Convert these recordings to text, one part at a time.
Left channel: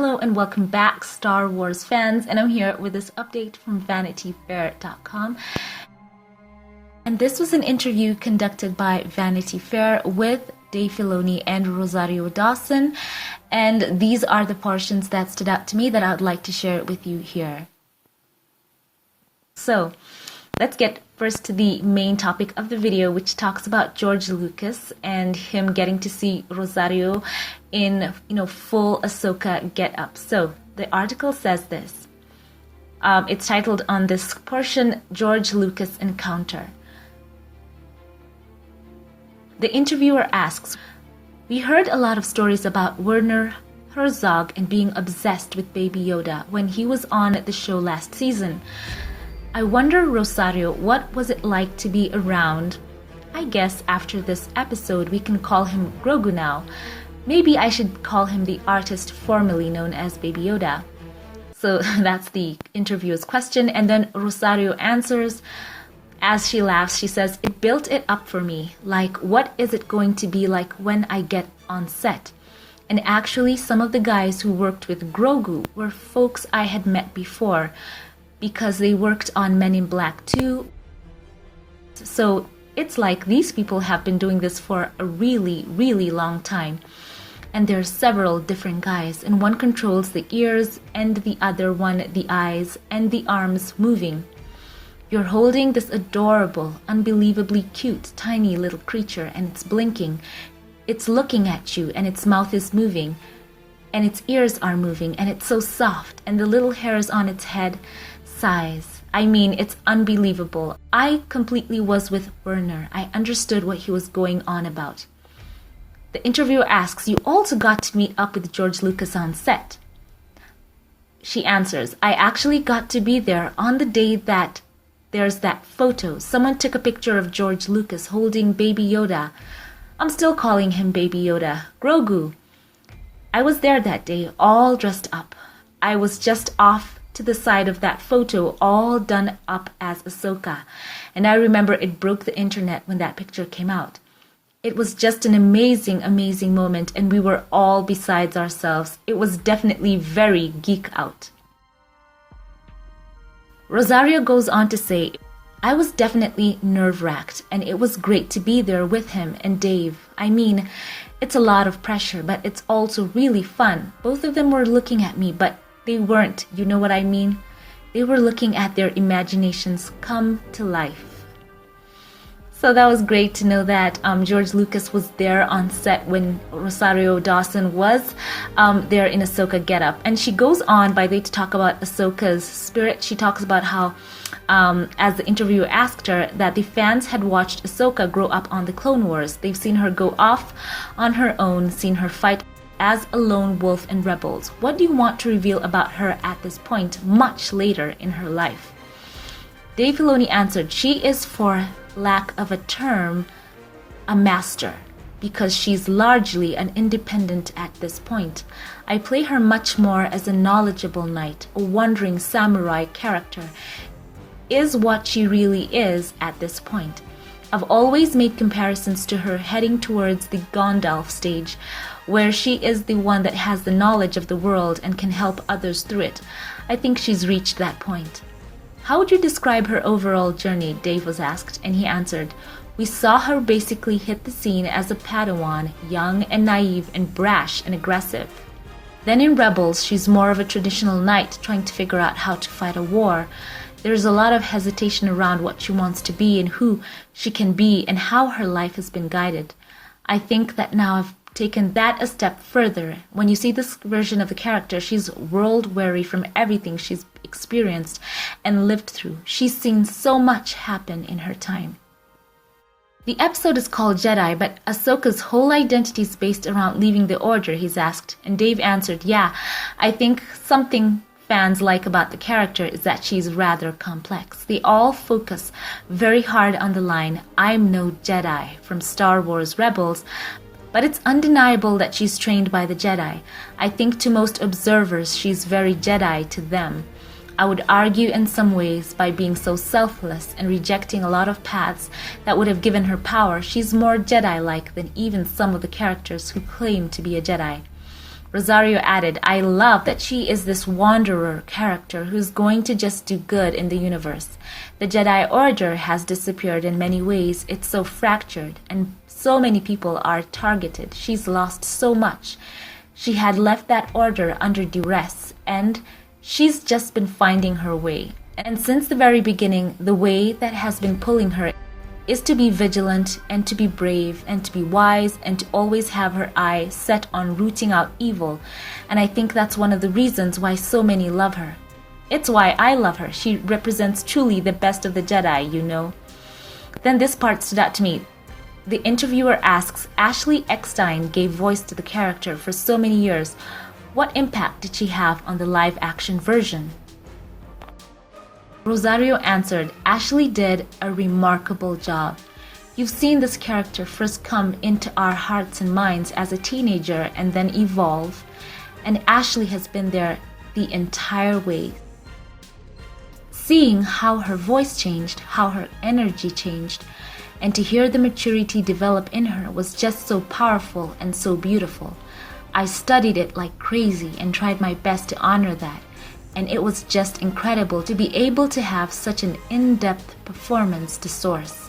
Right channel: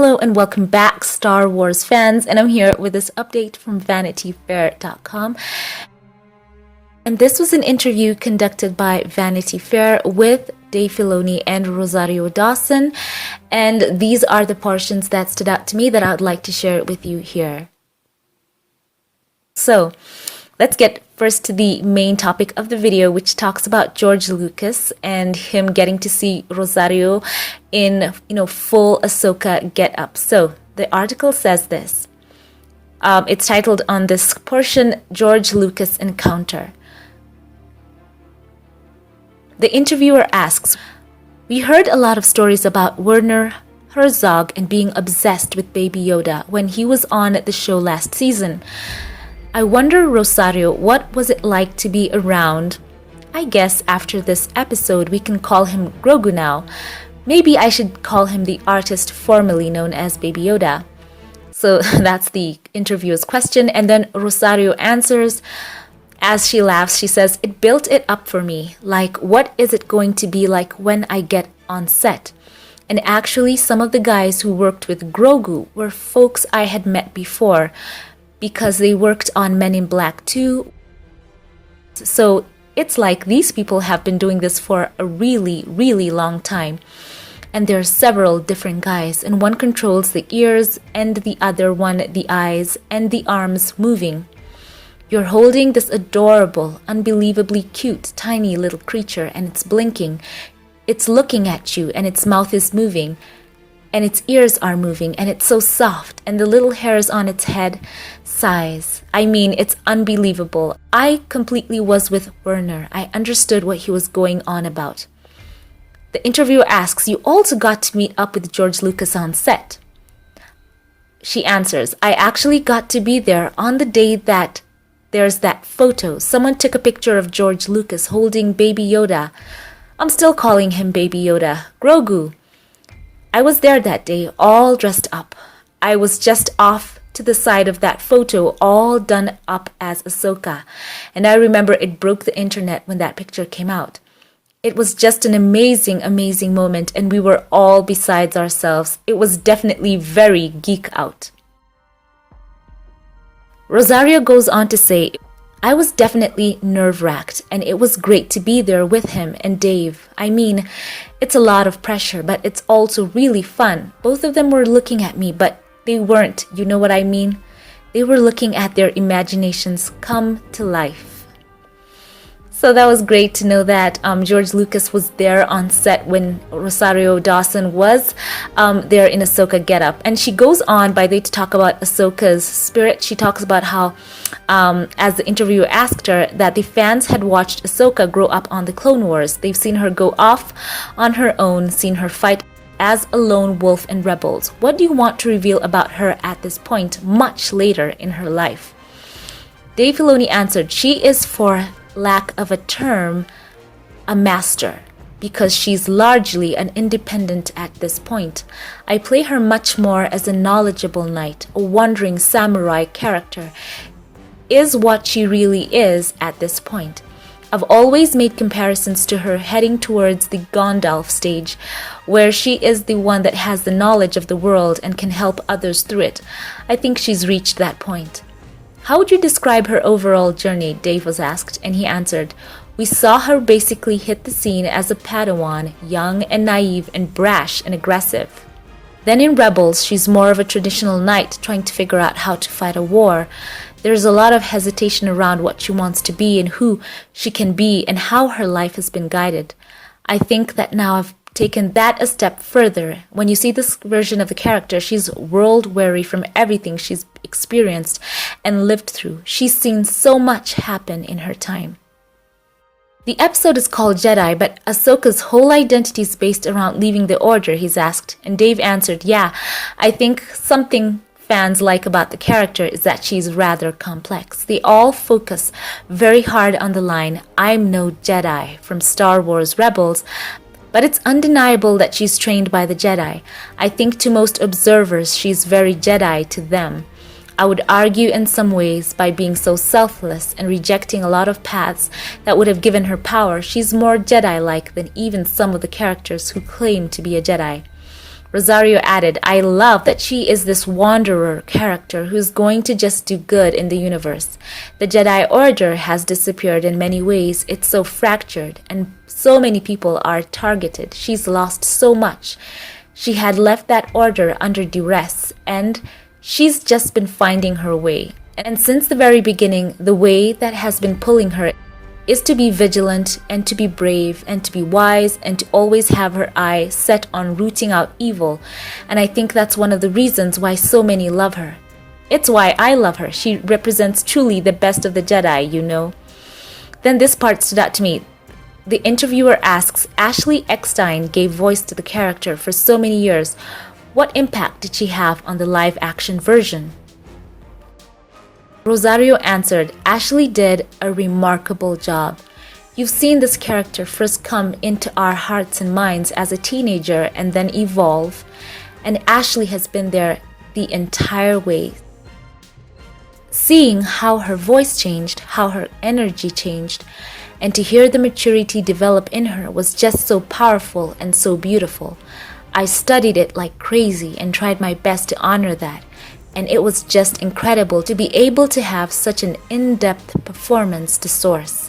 Hello and welcome back, Star Wars fans, and I'm here with this update from VanityFair.com. And this was an interview conducted by Vanity Fair with Dave Filoni and Rosario Dawson, and these are the portions that stood out to me that I would like to share with you here. So, let's get first to the main topic of the video, which talks about George Lucas and him getting to see Rosario in, full Ahsoka get-up. So the article says this. It's titled on this portion, George Lucas Encounter. The interviewer asks, "We heard a lot of stories about Werner Herzog and being obsessed with Baby Yoda when he was on the show last season. I wonder, Rosario, what was it like to be around? I guess after this episode we can call him Grogu now. Maybe I should call him the artist formerly known as Baby Yoda." So that's the interviewer's question, and then Rosario answers. As she laughs, she says, "It built it up for me. Like, what is it going to be like when I get on set? And actually, some of the guys who worked with Grogu were folks I had met before, because they worked on Men in Black 2. So it's like these people have been doing this for a really, really long time. And there are several different guys, and one controls the ears and the other one the eyes and the arms moving. You're holding this adorable, unbelievably cute, tiny little creature, and it's blinking. It's looking at you, and its mouth is moving. And its ears are moving, and it's so soft, and the little hairs on its head sighs. I mean, it's unbelievable. I completely was with Werner. I understood what he was going on about." The interviewer asks, "You also got to meet up with George Lucas on set?" She answers, "I actually got to be there on the day that there's that photo. Someone took a picture of George Lucas holding Baby Yoda. I'm still calling him Baby Yoda. Grogu. I was there that day, all dressed up. I was just off to the side of that photo, all done up as Ahsoka. And I remember it broke the internet when that picture came out. It was just an amazing, amazing moment, and we were all besides ourselves. It was definitely very geek out." Rosario goes on to say, "I was definitely nerve-wracked, and it was great to be there with him and Dave. I mean, it's a lot of pressure, but it's also really fun. Both of them were looking at me, but they weren't, you know what I mean? They were looking at their imaginations come to life." So that was great to know that George Lucas was there on set when Rosario Dawson was there in Ahsoka getup. And she goes on by the way to talk about Ahsoka's Spirit. She talks about how, as the interviewer asked her, that the fans had watched Ahsoka grow up on the Clone Wars. They've seen her go off on her own, seen her fight as a lone wolf in Rebels. What do you want to reveal about her at this point, much later in her life? Dave Filoni answered, "She is, for lack of a term, a master, because she's largely an independent at this point. I play her much more as a knowledgeable knight, a wandering samurai character, is what she really is at this point. I've always made comparisons to her heading towards the Gandalf stage, where she is the one that has the knowledge of the world and can help others through it. I think she's reached that point." "How would you describe her overall journey?" Dave was asked, and he answered, "We saw her basically hit the scene as a Padawan, young and naive and brash and aggressive. Then in Rebels, she's more of a traditional knight trying to figure out how to fight a war. There's a lot of hesitation around what she wants to be and who she can be and how her life has been guided. I think that now I've taken that a step further. When you see this version of the character, she's world-weary from everything she's experienced and lived through. She's seen so much happen in her time." The episode is called Jedi, but Ahsoka's whole identity is based around leaving the Order, he's asked. And Dave answered, "Yeah, I think something fans like about the character is that she's rather complex. They all focus very hard on the line, 'I'm no Jedi' from Star Wars Rebels, but it's undeniable that she's trained by the Jedi. I think to most observers, she's very Jedi to them. I would argue in some ways by being so selfless and rejecting a lot of paths that would have given her power, she's more Jedi-like than even some of the characters who claim to be a Jedi. Rosario added, I love that she is this wanderer character who's going to just do good in the universe. The Jedi Order has disappeared in many ways. It's so fractured, and so many people are targeted. She's lost so much. She had left that order under duress, and she's just been finding her way. And since the very beginning, the way that has been pulling her is to be vigilant and to be brave and to be wise and to always have her eye set on rooting out evil. And I think that's one of the reasons why so many love her. It's why I love her. She represents truly the best of the Jedi, you know. Then this part stood out to me. The interviewer asks, Ashley Eckstein gave voice to the character for so many years. What impact did she have on the live-action version? Rosario answered, Ashley did a remarkable job. You've seen this character first come into our hearts and minds as a teenager and then evolve, and Ashley has been there the entire way. Seeing how her voice changed, how her energy changed, and to hear the maturity develop in her was just so powerful and so beautiful. I studied it like crazy and tried my best to honor that. And it was just incredible to be able to have such an in-depth performance to source.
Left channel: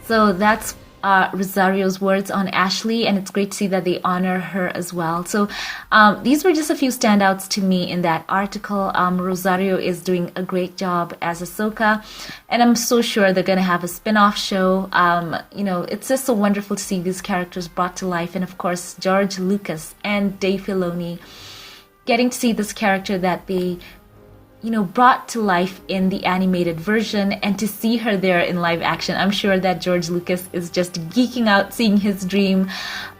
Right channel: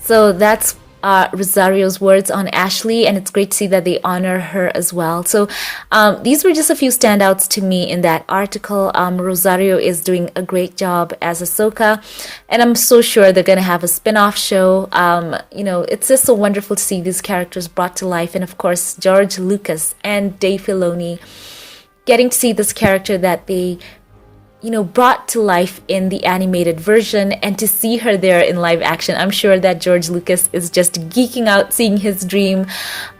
So that's Rosario's words on Ashley, and it's great to see that they honor her as well. So these were just a few standouts to me in that article. Rosario is doing a great job as Ahsoka, and I'm so sure they're going to have a spin-off show. It's just so wonderful to see these characters brought to life, and of course George Lucas and Dave Filoni getting to see this character that they brought to life in the animated version, and to see her there in live action. I'm sure that George Lucas is just geeking out seeing his dream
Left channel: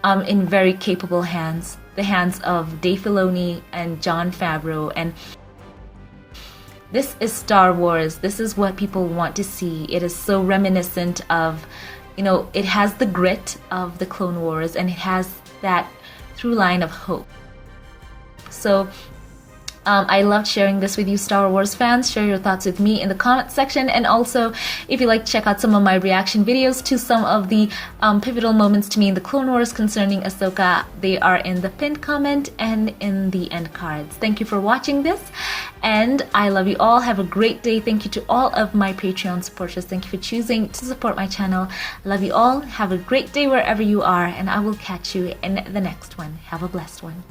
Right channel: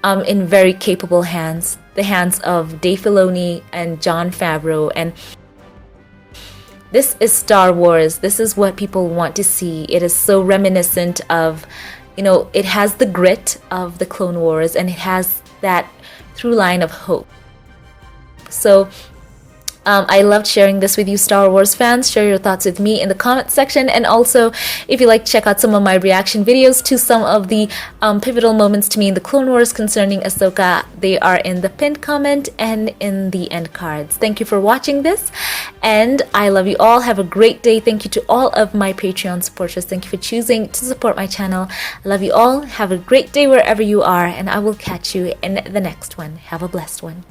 in very capable hands, the hands of Dave Filoni and Jon Favreau. And this is Star Wars. This is what people want to see. It is so reminiscent of, it has the grit of the Clone Wars, and it has that through line of hope. So I loved sharing this with you, Star Wars fans. Share your thoughts with me in the comment section. And also, if you'd like to check out some of my reaction videos to some of the pivotal moments to me in the Clone Wars concerning Ahsoka, they are in the pinned comment and in the end cards. Thank you for watching this, and I love you all. Have a great day. Thank you to all of my Patreon supporters. Thank you for choosing to support my channel. I love you all. Have a great day wherever you are, and I will catch you in the next one. Have a blessed one.